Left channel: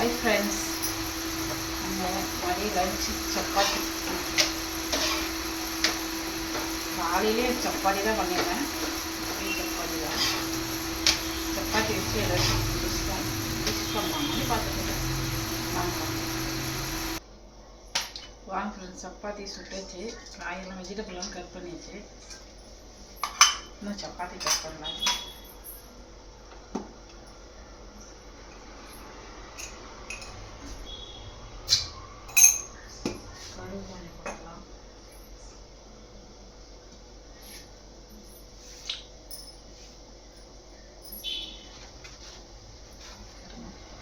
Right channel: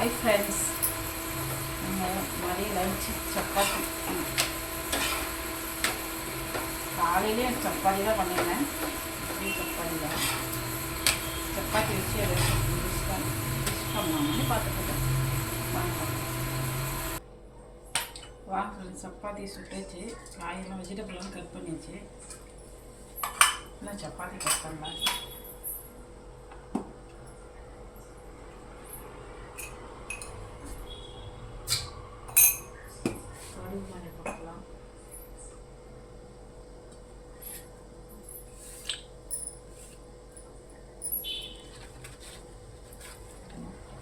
Hi friends, மதிய lunch chapati. காலையிலேயே சப்பாத்தி தான் பண்ணிடுறேன். சப்பாத்தி தான் சப்பாத்தி வச்சு ஏதாச்சும் டிஷ் பண்ணலாமான்னு பார்த்துக்கிட்டேன். வாங்க ஃப்ரெண்ட்ஸ், சப்பாத்தி சுட்டாச்சு. காயெல்லாம் வெஜிடபிள்லாம் கட் பண்ணியாச்சு. இன்னும் சப்பாத்தி கட் பண்ணலாம். கொஞ்சம் பார்க்கலாம்.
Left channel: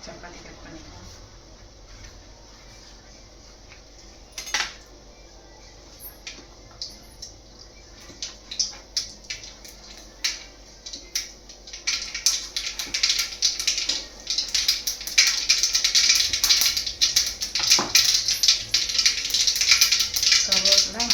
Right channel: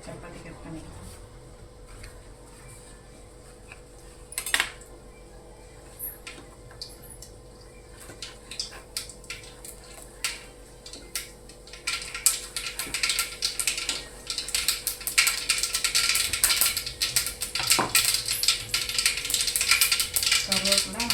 சப்பாத்தி கட் பண்ணிக்கலாம். கருவேப்பிலை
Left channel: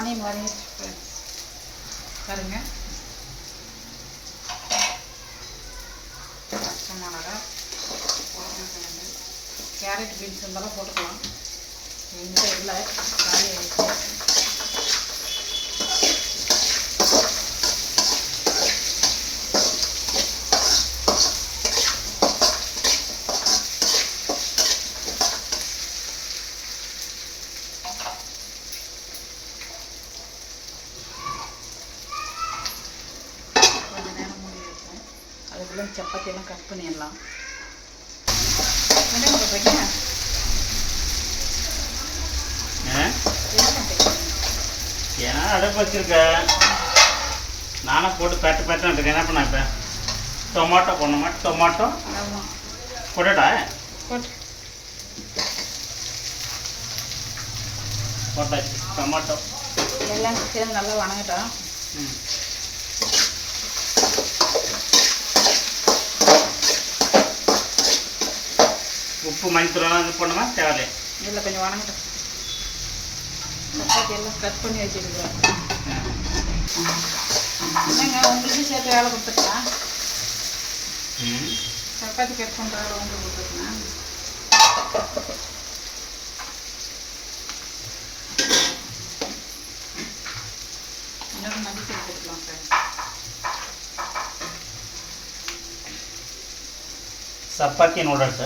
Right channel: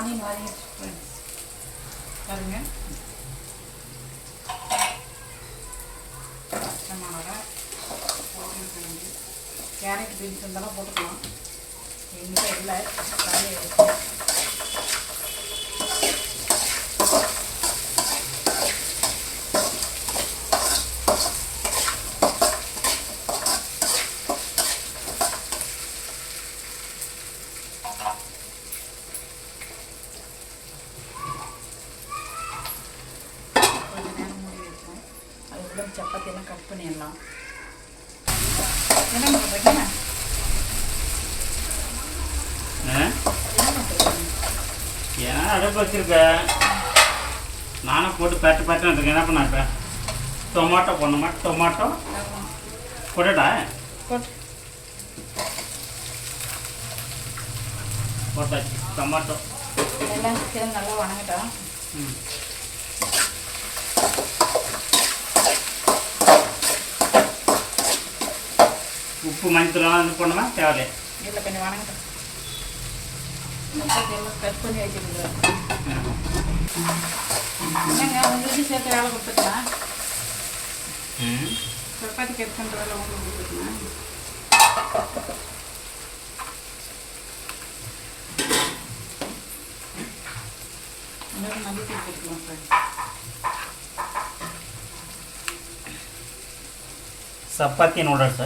ஆனியன் வதங்கிடுச்சு ஃப்ரெண்ட்ஸ். பாருங்க, பச்சை மிளகா, உருளைக்கிழங்கு, கேரட், பீன்ஸ் இருந்தாலும் போட்டுக்கலாம். எங்கிட்ட இல்லை, காலி ஆகிடுச்சு. அதுக்குள்ளே சப்பாத்தியெல்லாம் கட் பண்ணிடலாம். என்ன பண்ணுறீங்க? ஏன்னா அடுப்பு வச்சுருக்கேன், நானும் போட்டு பேட்டு இருக்கேன். என்ன பண்ண இப்போ டொமாட்டோ போடணுமா? டொமாட்டோ போட்டுட்டா போட்டாச்சு. டொமாட்டோ எல்லாம் சேர்ந்து நல்லா வணங்கிட்டோம். உப்பு மஞ்சத்தூள்லாம் இது பண்ணுமா? தேவையில்லை. இதில் கொஞ்சம் வணங்கிட்டோம். சப்பாத்தி எல்லாம் கட் பண்ணி வச்சுருக்கேன். என்னங்க உங்களுக்கு சேர்த்து வேலை கொடுத்துருக்கேன். சப்பாத்தி கட் பண்ணுற வேலை உங்களுக்கு கொடுத்துருக்கேன். இன்னொரு மதிப்பு கொடுக்கலாம் சார். சப்பாத்தி நூடுல்ஸ்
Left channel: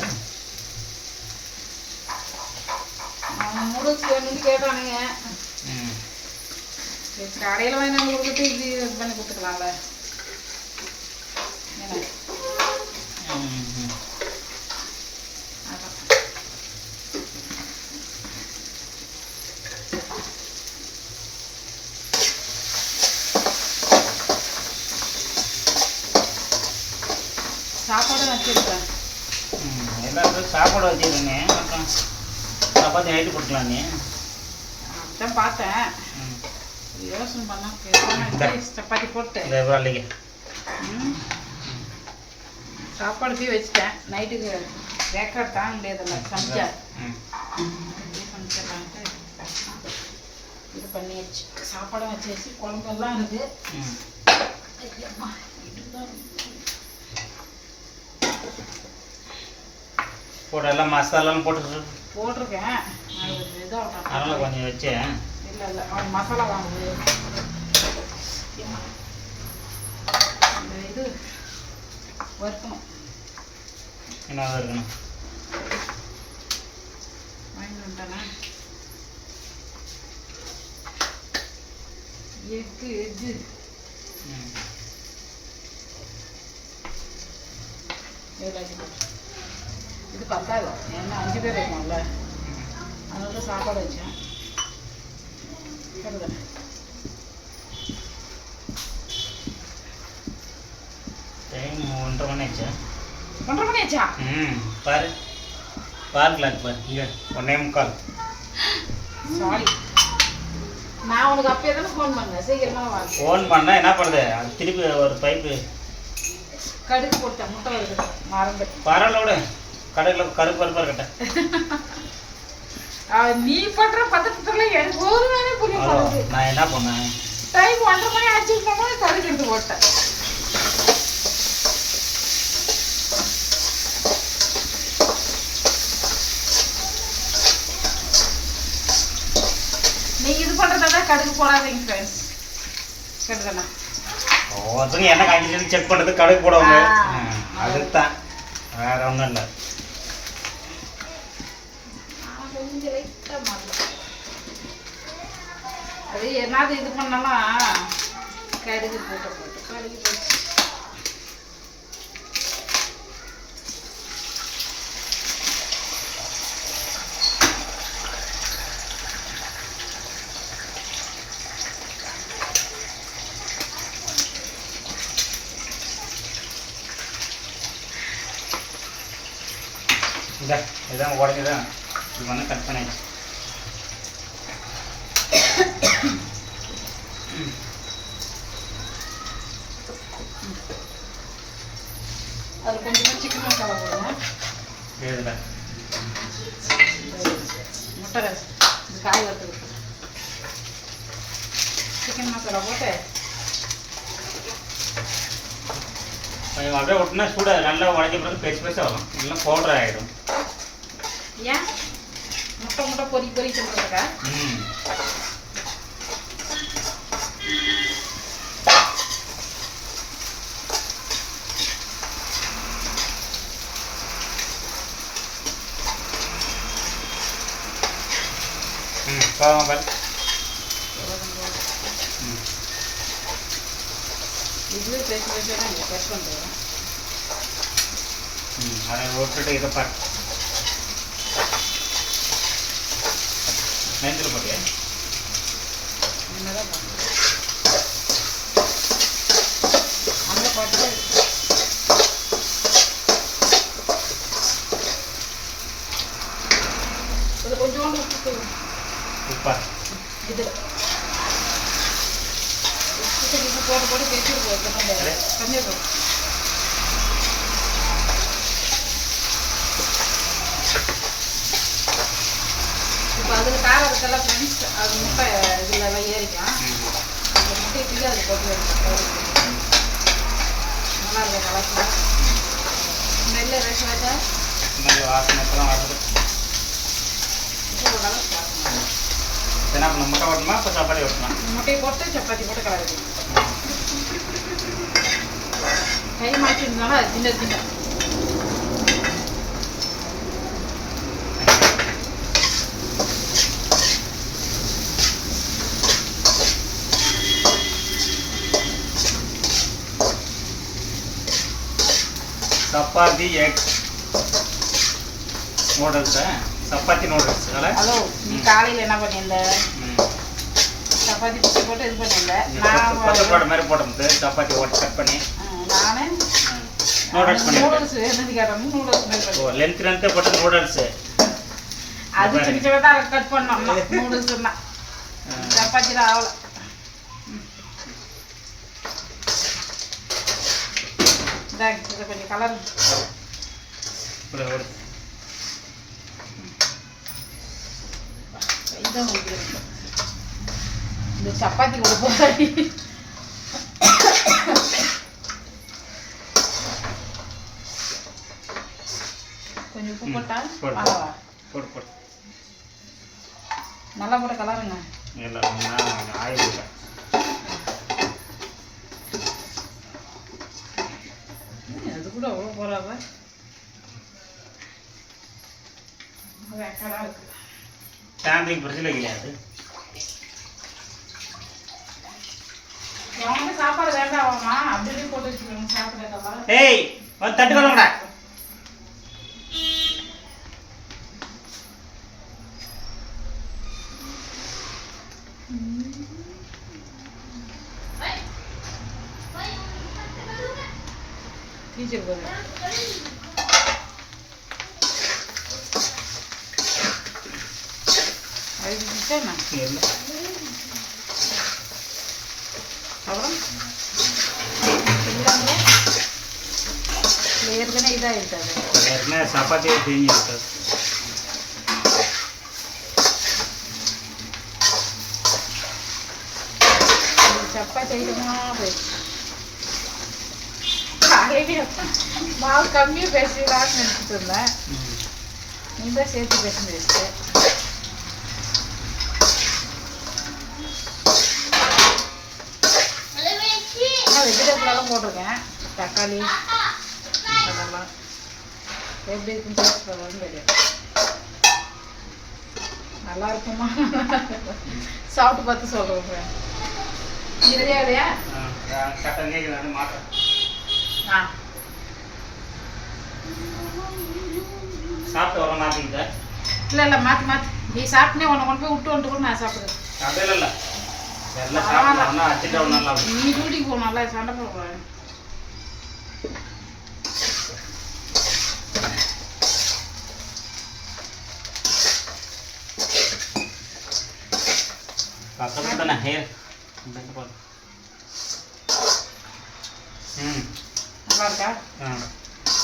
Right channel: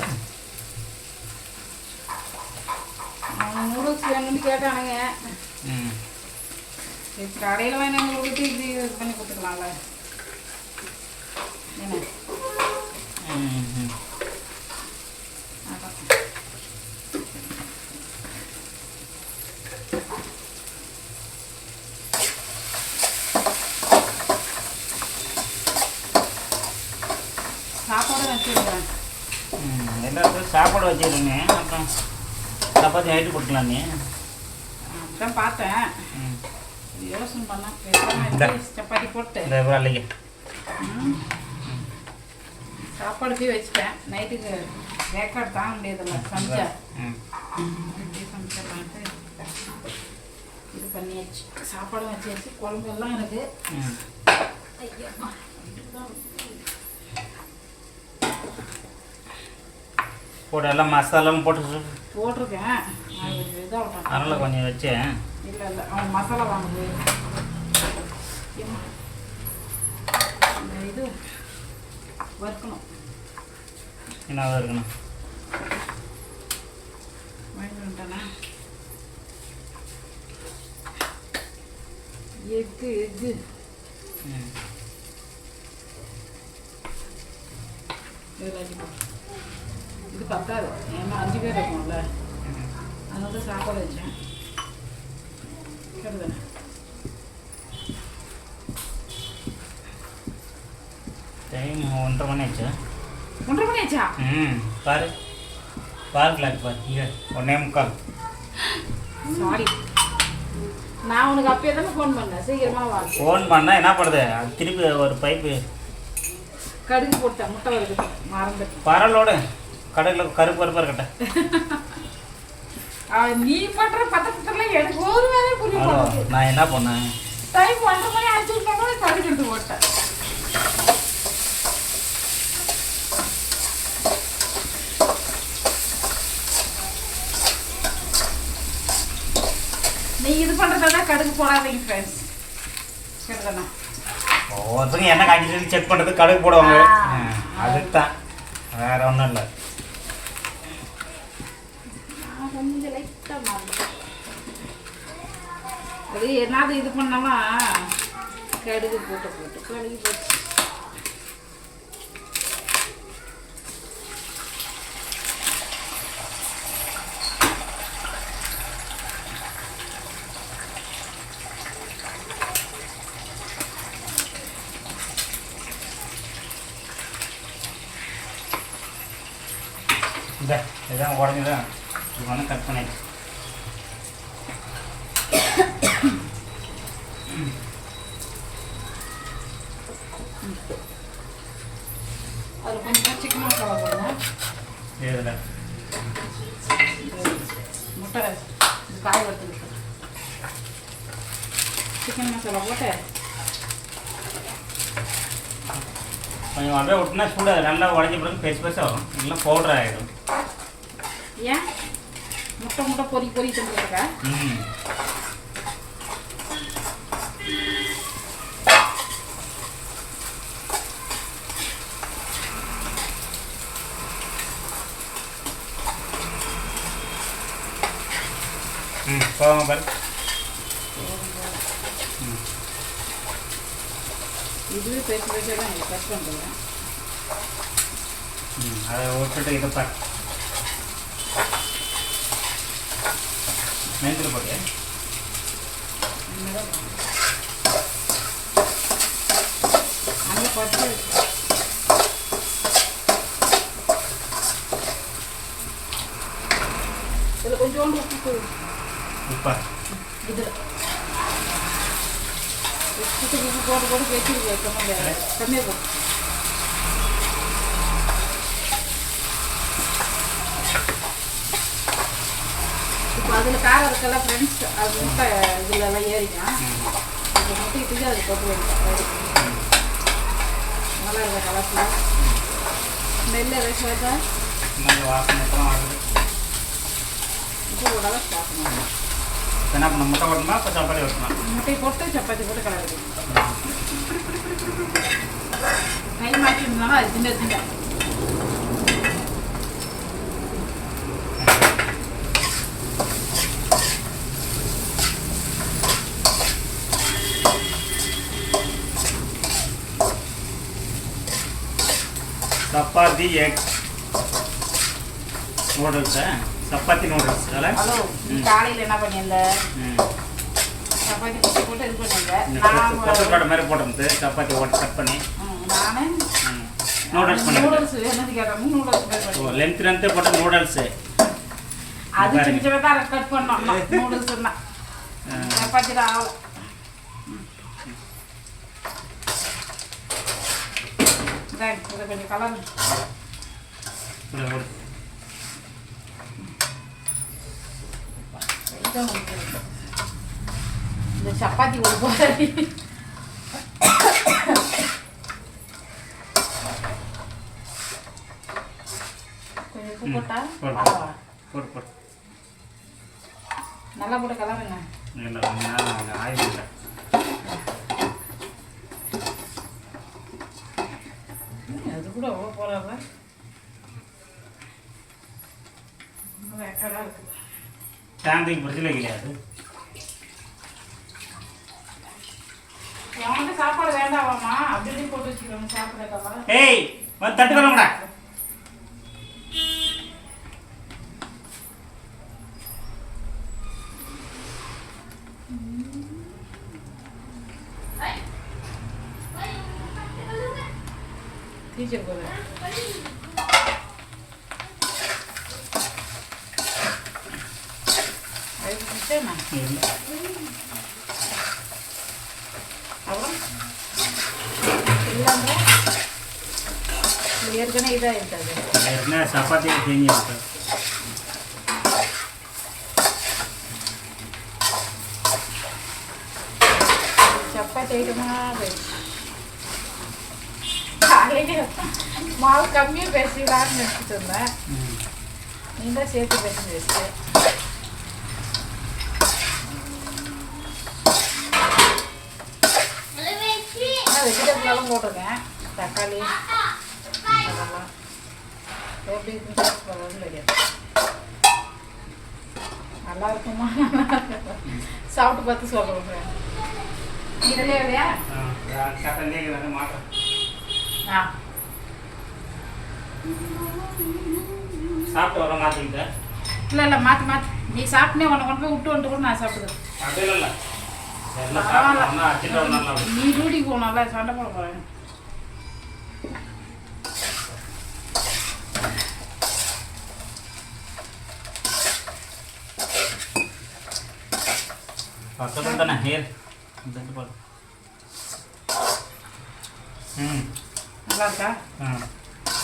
நூடுல்ஸ் வேணும்னு கேட்டானுங்க. சரி, கடையில் வாங்கி கொடுத்து இப்படி இது பண்ணி கொடுத்துக்கலாம்ல. என்ன சாப்பாடு வச்சுருக்கேன். எல்லாருக்கும் சாப்பாடு வச்சுருங்க. அப்புறம் சப்பாத்தி நைட்டு கொடுக்கலாம். நீ அதான் பார்த்தேன், யோசனை பண்ணேன். சப்பாத்தி போட்டு சாப்பாடு போய் வச்சுட்டேன். நைட்டுக்கு வேக்காடு தாங்க முடியாதுல்ல, சமைச்சா சமைச்சிடலான்ட்டு இது பண்ணியாச்சு. சாப்பாடும் வச்சாச்சு, குழம்பெல்லாம் இருக்குது. போட்டு எல்லாம் மசாலாவும் போட்டிருக்கேன். அதனால் கொஞ்சம் வச்சேன். இல்லை இல்லை, அவன் மசாலா வாங்குது. இந்த இது வறுக்கணும். என்ன இருக்கணும் வாங்கிட்டு வந்துட்டேன்னா எக்கு இது பத்தாது, ஏன்னா 5 பேர் இருக்கும்ல, அதனால சாப்பாடு வச்சேன். டைம் 1:30 மணி ஆச்சா? 1:30 மணி ஆச்சா? பாரு பாரு கிளாக் பாரு இங்கே 1:45. சாரி, நான் உனக்கு அப்பயே தானே ஃபோன் பண்ணேன், சீக்கிரமாக வா. ஃபோன் பண்ணால் என்ன பண்ணுறது? அது திருப்பி ஒரு பைப்பு கடுகு போட்டேன், முட்டை வருது மறந்துட்டு. பரலோடு கடையில் கருப்பு கருப்பாக இருக்கட்ட. நீ பண்ணுற பதட்டத்தில் எனக்கு ஒரு வேலை புரிய மாட்டேங்குது. நான் என்ன பண்ணேன்? டைம் 1:30 மணி ஆச்சுன்னா கடுகு எடுத்து போட்டேன். நீங்க இது பண்றதால கடுகு போடாதீங்க ஃப்ரெண்ட்ஸ். கேட்டதானே? ஒருத்தங்க என்ன காய்ச்சி செக் பண்ணுறது கடுகு போடுவாங்க. அதுதான், வேற ஒன்றும் இல்லை. கொஞ்சம் லைட்டாக மாறலாம். அது என்னது இது பண்ணாலும் கடுகு போட்டு கடுகு போட்டு இதான் உடஞ்சுதான் இது வந்து கட் பண்ணிடுச்சு. அது கொஞ்சமாக சிக்கன் மசாலா போடணும். இதில் முட்டை ரைஸ் இது காய் வறுத்து சிக்கன் மசாலா போட்டு கொஞ்சம் அப்படியே விட்டுனா சூடாக நல்லா உடஞ்ச பிறகு பெருசாக வரும், நல்லா பவுடர் ஆகிடும். ஏன் முட்டை பொறி தந்துருக்கா? போகாம பாரு. இதுவே பெருசாக தான் இங்கே கட் பண்ணுறேன். அதை விட்டுட்டு இதை பாரு. நெஞ்சில் போட்டியா? அங்கே பார்த்து இது கொஞ்சோண்டு உப்பா இது போட்டு வச்சுருக்கோம். கம்மியாக போட்டு இப்போ அதில் காரம் இருக்கல ஃப்ரெண்ட்ஸ், அது முட்டை இதில் ஏறிக்கும். அந்த முட்டைக்கு அது போட்டு நல்லா இருக்கும். கலர்ஃபுல்லாக ஸ்மெல்லு ரஷ் வாட்டா நல்ல வாசனைக்கெல்லாம் வருது. இப்போ ஓரளவு சாப்பிடணும். என்ன பண்ண முட்டை ஓட்டணுமா இப்போ சப்பாத்தி ஓட்டணும்? முட்டையை போட்டு சப்பாத்தி போட்டு கலருக்கு கை மாற்றி இருந்தாலும் அது சின்ன சின்ன சப்பாத்தி எக் நூடுல்ஸா? சப்பாத்தி நூடுல்ஸ். ஹலோ, நீ காலையில் என்ன பண்ணியிருந்த? சப்பாத்தி பிச்சு போட்டு இது பண்ணியிருந்தேன். மாதிரி போட்டு சப்பாத்தி ஓட்டு கட் பண்ணி நான் நூடுல்ஸ் பண்ணி நூடுல்ஸ் என்னது கேட்டோம். நூடுல்ஸ் லென்த் போட்ட நூடுல்ஸு அது சின்ன சின்னதாக கட் பண்ணோம். நூடுல்ஸ்னா சப்பாத்தி ஆகல. இதை கொஞ்சம் கலர் இந்த சப்பாத்தி ஒரு போட்டாடி கொஞ்சம் உப்பு போட்டா போட்டு நல்லா போட்ட கலருங்க. ஆயில் இல்லை. அது கூட அவ்வளோ போறாத வேக்கடா இருக்கு. சாயந்தரம் பிரச்சனை கிடையாது. அவனுக்கு சாப்பாடு வேண்டாமா? அப்படியே போட்டு வச்சுக்கோங்க சாப்பிட. ஏய் வந்து தட்டு வரலடா. டீச்சர் போகுது. அதுக்கு என்ன இல்லை அப்புறம் இல்லாமல் ஏற்கனவே இதாக இருக்காது. என்ன சப்பாத்தியே தேங்கி இருக்காது. சப்பாத்தி ஐட்டமாக போயிடுச்சு. காலையிலே மாவு கம்மியாக பேசிடலான்னு நினச்சிட்டு இருந்தேன். நீ தான் சேர்த்து பேசி வச்சு வெஜிடபிளெல்லாம் போட்டிருக்கேன். தக்காளி அதெல்லாம் எப்படி இருக்குன்னு டேஸ்ட் பண்ணலாம்னு தெரியாது. நல்லா இருக்குமா சாப்பிட்டு பார்த்து சொல்கிறேன். இதுலேயே இல்லையா? மாற்றேன். ஆ சாப்பிட்டு வர மாற்றிக்கிட்டேன். இல்லை மாற்றி நீ சாப்பிட்டே உன்னை கொண்டு போய் விட்டு வந்துட்டு கூட நான் சாப்பிடுவேன். அப்படியே இல்லை எல்லாம் நீ டியூட்டிக்கு போகணும்ல, சண்டை போட போகிறேன். பக்கத்தில் தானே ஹேர் நல்லா இருக்கா?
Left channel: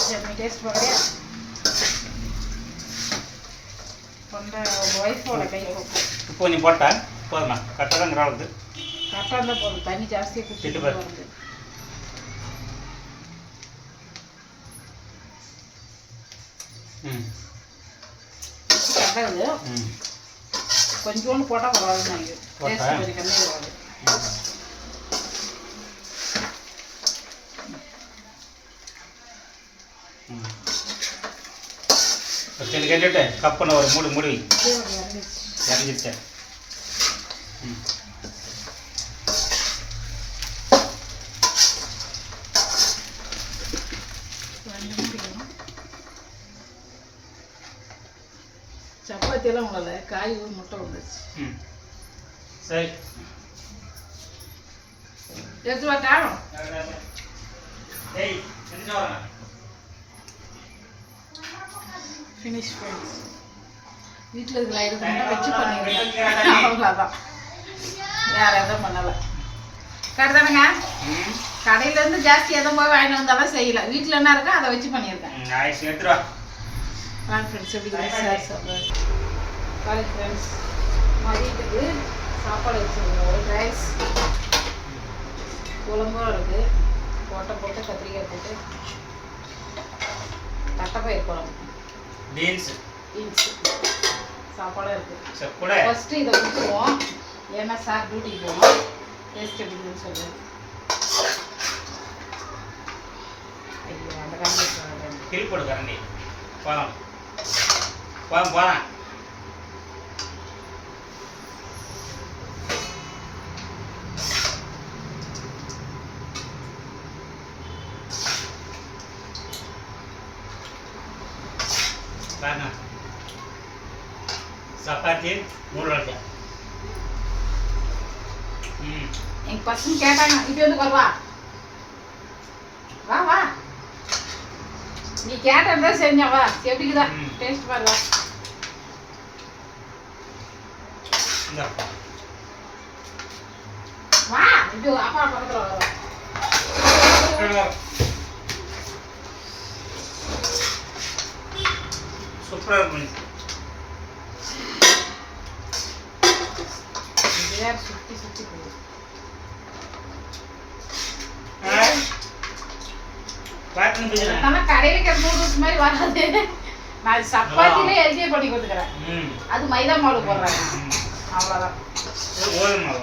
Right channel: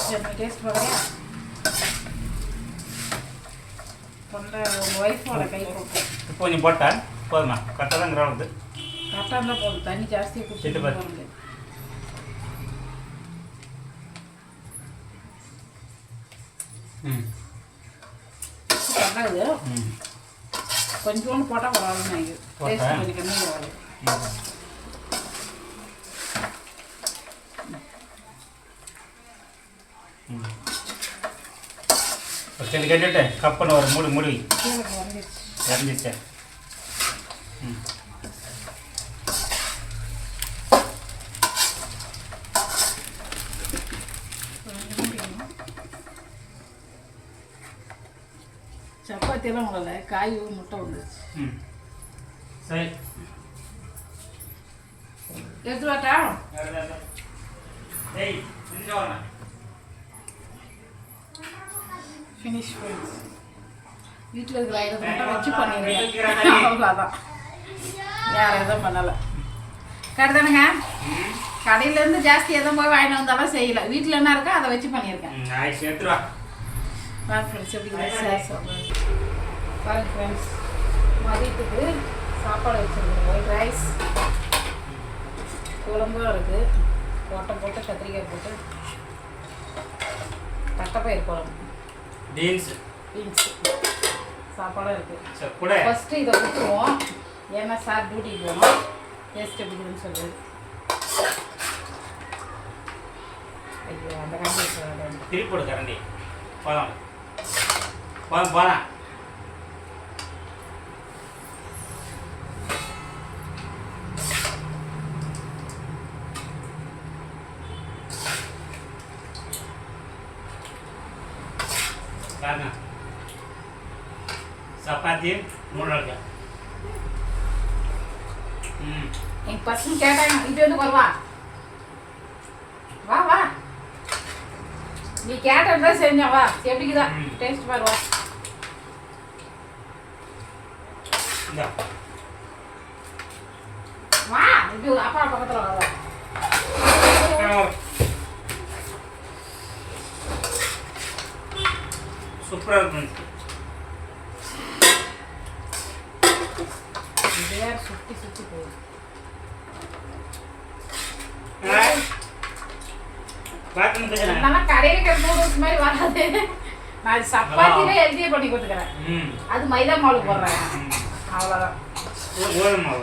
சரி நீ டேஸ்ட் பார்க்குறியா? கொண்ட உங்கள் ஒய்ஃபோட கை போட்டு இப்போ கொஞ்சம் போட்டா போதுமா? கரெக்டாக தான் கிராவுது. கரெக்டாக இருந்தால் போதும். தண்ணி ஜாஸ்தியாக குடிச்சிட்டு பாரு. போகிறது கரெக்டாகுது. கொஞ்சோண்டு போட்டால் பரவாயில்ல. நினைக்கிறேன் டேஸ்ட் கொஞ்சம் கம்மியாக பரவாயில்ல. சரி கேட்டுட்டு கப் பண்ண ஒரு மூடி இறங்கிடுச்சு. இறங்கிடுச்சேன். சப்பாத்தியெல்லாம் உங்களால காய் முட்டை வந்துச்சு. சரி எடுத்து வாட்டா? Finish friends. வீட்டில் இருக்கிற ஐட்டத்தை மட்டும் வச்சு பண்ணிடுறேன். அவ்வளோதான், வேறு எதுவும் பண்ணலை. கரெக்டு தானேங்க? கடையிலேருந்து ஜாஸ்தி எதுவும் போய் வாங்கிட்டு வந்தாலும் செய்யலை. வீட்டில் என்ன இருக்கோ அதை வச்சு பண்ணியிருக்கேன். பாருங்க ஃப்ரெண்ட்ஸ் எப்படி சார் சொல்கிறேன். பாருங்க ஃப்ரெண்ட்ஸ், மதியத்துக்கு சாப்பாடு வச்சுருக்கேன். ஒயிட் ரைஸ், குழம்பும் இருக்குது. போட்டு கத்திரிக்காய் போட்டு தட்டைப்பயிர் குழம்பு, பீன்ஸ் சாப்பாடும் இருக்குது. ஃபஸ்ட்டு இதை ஊற்றுவோம். ஏன்னா சார் டியூட்டிக்கு போகணும். டேஸ்ட் எப்படின்னு சொல்லு. ஐயோ அந்த காண்டி திருப்பி கரண்டி போகலாம் போகலாம். சப்பாத்தி 3 எங்கள் பசங்க கேட்டாங்க, இப்படி வந்து வருவா வா வா நீ கேட்டா செஞ்சா வா. எப்படிக்குதா டேஸ்ட் பாருவா. வா இப்படி அப்பா பக்கத்தில் வா. சூப்பராக இருக்கும். சுற்றி போகும். கடையில் இருக்கிற நூடுல்ஸ் மாதிரி வராது. நான் சப்பாத்திலே ஹெல்த்தியே பண்ணி கொடுத்துக்கிறேன். அது மைதா மாவு போடுறாங்க, அவ்வளோதான். இது கோதுமை.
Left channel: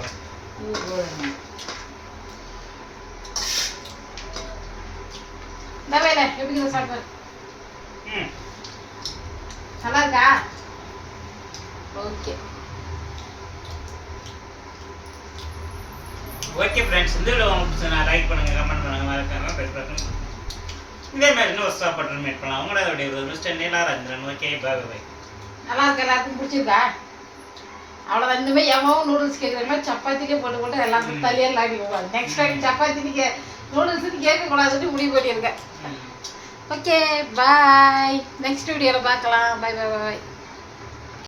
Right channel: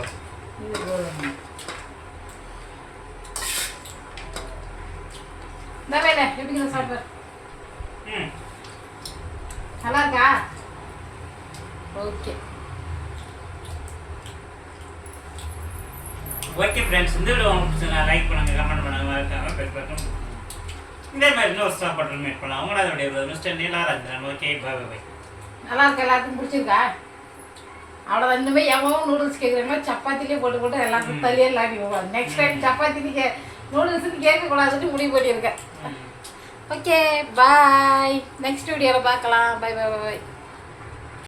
இந்த வேலை எப்படி சாப்பிட்ற? நல்லா இருக்கா? ஓகே ஓகே ஃப்ரெண்ட்ஸ், இந்த வீடியோ உங்களுக்கு பிடிச்சா லைக் பண்ணுங்கள், கமெண்ட் பண்ணுங்கள், மறக்காம பெல் பட்டன். இதே மாதிரி இன்னொரு சாப்பாடு மேட் பண்ணலாம். உங்களோட வீடியோ மிஸ்டர் நீலாராஜன். ஓகே பாய் பாய். நல்லா இருக்கு. எல்லாருக்கும் பிடிச்சிருக்கா? அவ்வளோதான். இனிமேல் எவ்வளோ நூடுல்ஸ் கேட்குறாங்களோ சப்பாத்திலே போட்டு எல்லாத்துக்கும் தலையே லாடி போவாங்க. நெக்ஸ்ட் டைம் சப்பாத்தி நீங்கள் நூடுல்ஸுன்னு கேட்கக்கூடாதுன்னு முடிவு பண்ணியிருக்கேன். ஓகே பாய், நெக்ஸ்ட் வீடியோவில் பார்க்கலாம். Bye bye by.